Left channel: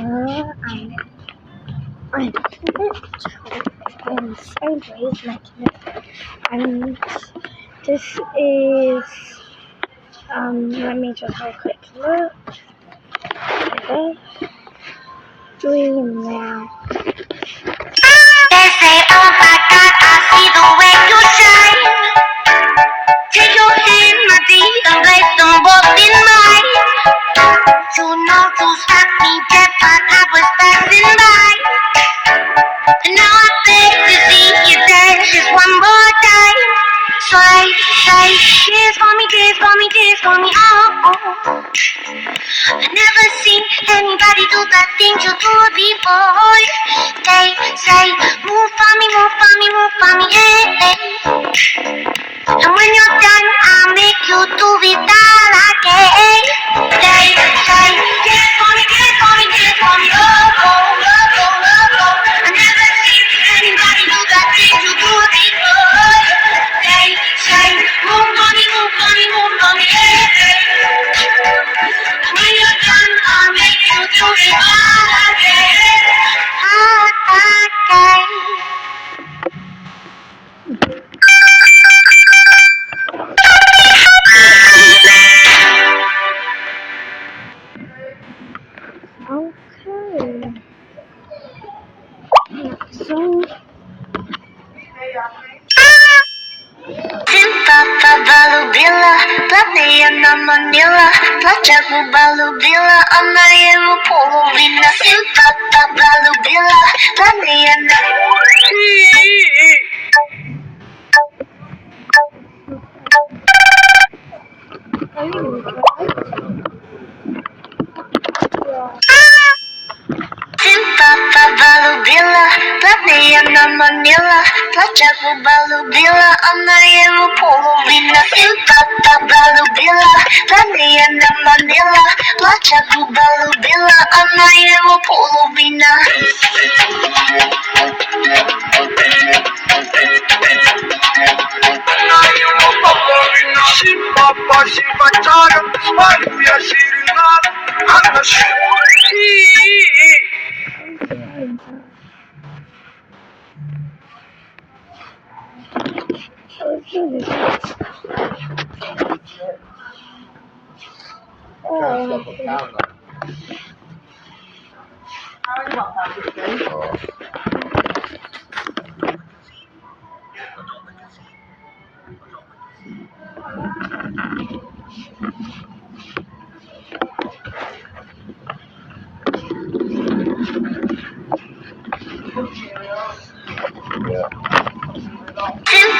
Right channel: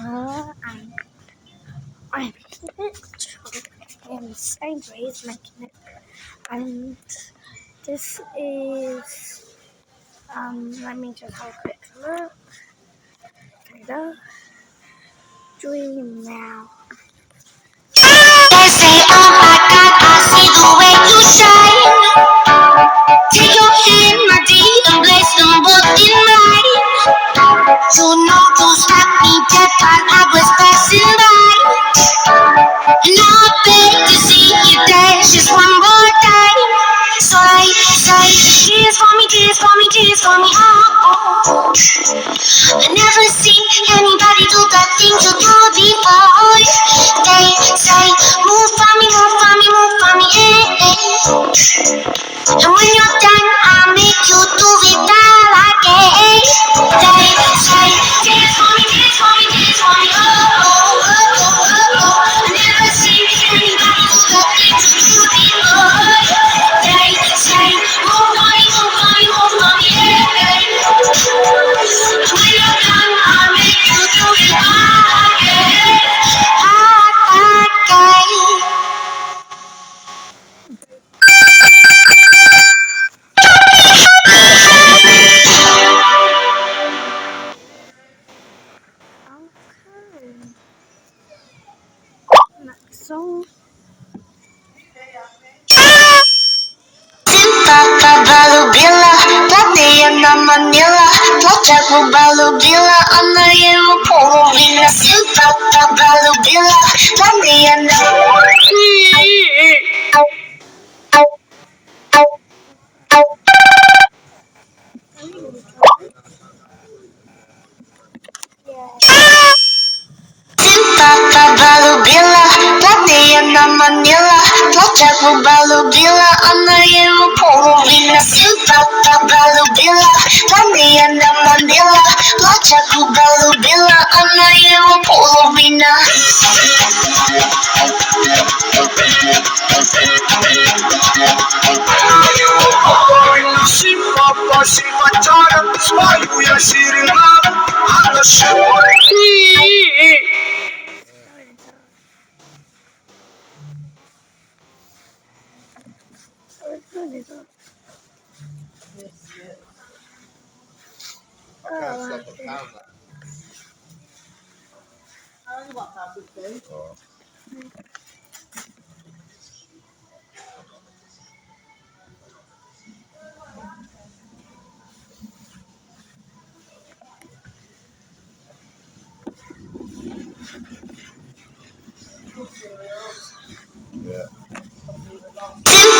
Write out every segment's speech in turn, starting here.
I'm in sideways making it, and this is let me just have a quick look. Okay. Dream now. They say, oh my God, I see the way you shine. Take your hand, my dear, and place them both in mine. You know you stopped me dead while I was passing by. And now I beg to see you dance just one more time. Say, dance for me, dance for me, dance for me, oh. I never seen anybody do the things you do before. They say, move for me, move for me, move for me, yeah. And when you're done, I'll make you do it all again. They say, dance for me, dance for me, dance for me, oh, oh, oh, oh, oh, oh. I never seen anybody do the things you do before. They say, move for me, move for me, move for me, yeah. When you're done, I'll make you do it all again. Okay. So Papa Balubila, Tatiana Manila, Tlachaku Balubila, Anayemu Polovina, Papa Balubila, Tatiana. Papa Balubila, Tatiana Manila, Tlachaku Balubila, Anayemu Polovina, Papa Balubila, Tatiana Manila, Tlachaku Balubila, Anayemu Polovina. Papa Shivachara, Hallelujah, Shirinam,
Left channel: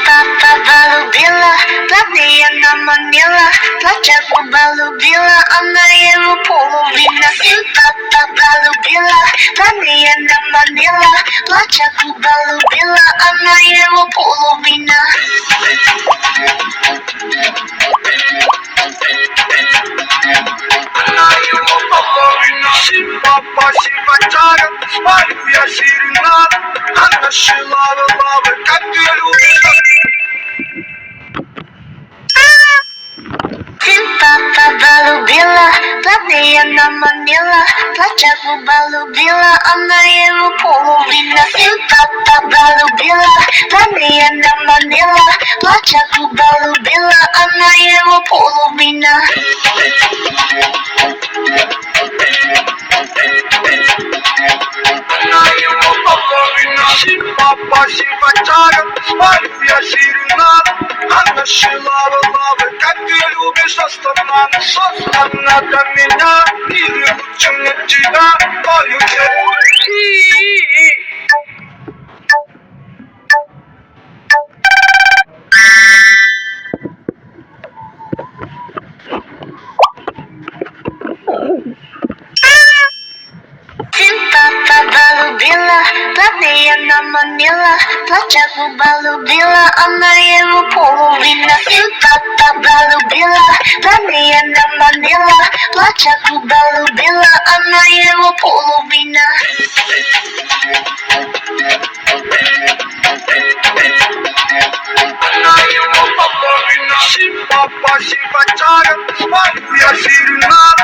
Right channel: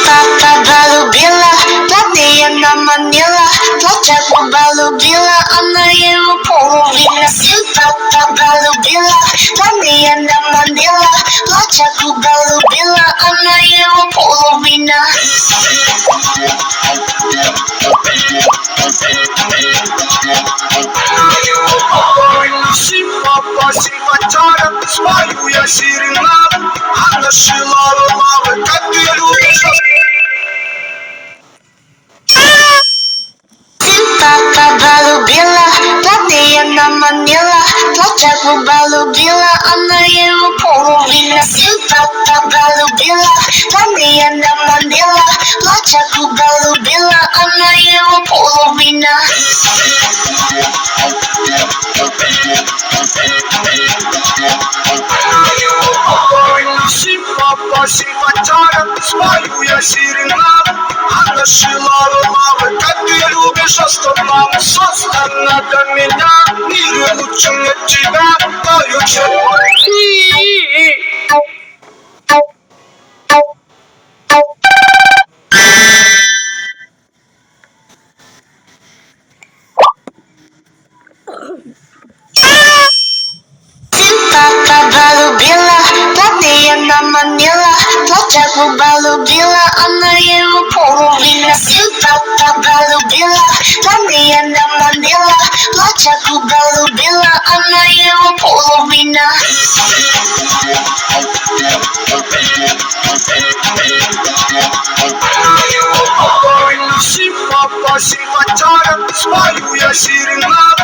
Papa Balubila, Tatiana Manila, Tlachaku Balubila, Anayemu Polovina, Papa Balubila, Tatiana Manila, Tlachaku Balubila, Anayemu Polovina. Papa Shivachara, Hallelujah, Shirinam, Anashilava, Mama, Katilu. Papa Balubila, Tatiana Manila, Tlachaku Balubila, Anayemu Polovina, Papa Balubila, Tatiana Manila, Tlachaku Balubila, Anayemu Polovina. Papa Shivachara, Hallelujah, Shirinam, Anashilava, Mama, Katilu. Что нам создано для меня, мир лучше для тебя, твою Papa Balubila, Tatiana Manila, Tlachaku Balubila, Anayemu Polovina, Papa Balubila, Tatiana Manila, Tlachaku Balubila, Anayemu Polovina. Papa Shivachara, Hallelujah, Shirinam.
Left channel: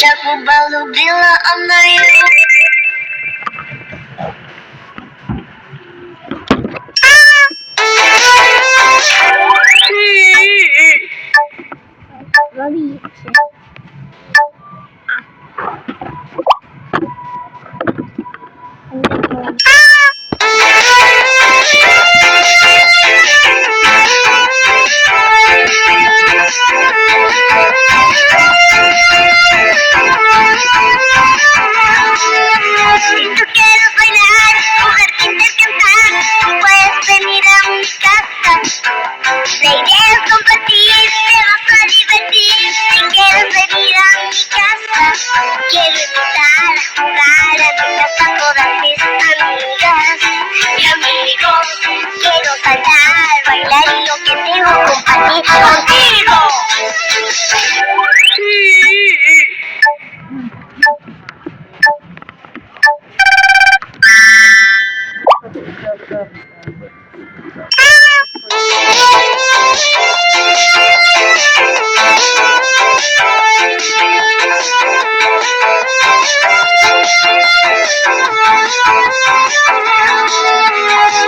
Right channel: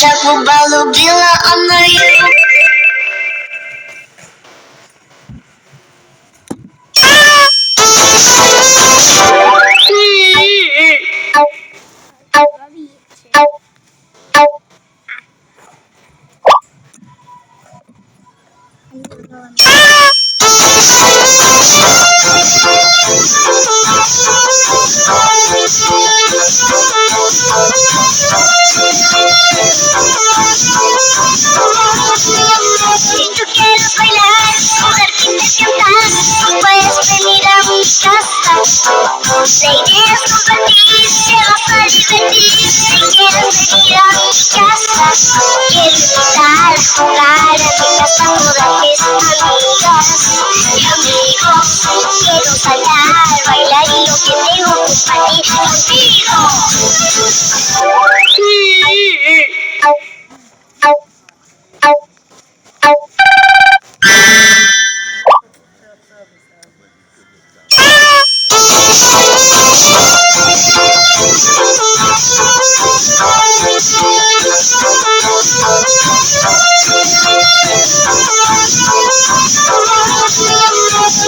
자꾸 발로 빌어 안아요. Ready? Si tú quieres bailar, mujer quieres cantar, puedes venir a mi casa. La idea es compartir, te vas a divertir. Si quieres venir a mi casa, quiero invitar a jugar a mi casa todas mis amigas y amigos. Quiero saltar, bailar y lo que tengo compartir contigo.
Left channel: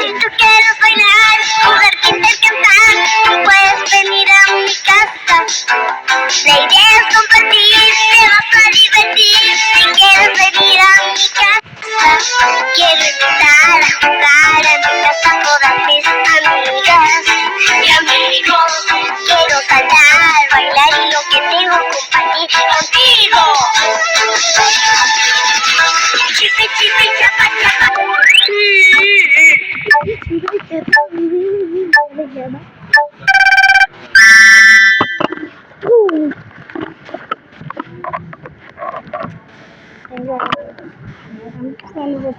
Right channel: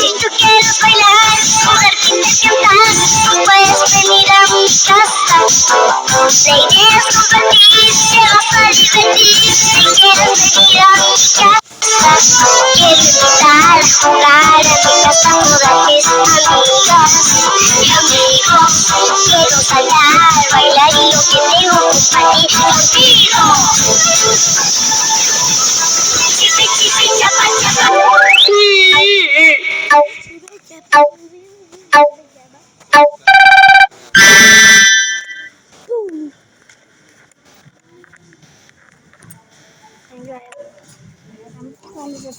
Si tú quieres bailar, mujer quieres cantar, puedes venir a mi casa. La idea es compartir, te vas a divertir. Si quieres venir a mi casa, quiero invitar a jugar a mi casa todas mis amigas y amigos. Quiero saltar, bailar y lo que tengo compartir contigo. Chipi, chipi, chapa, chapa. Ooh. I'm kind of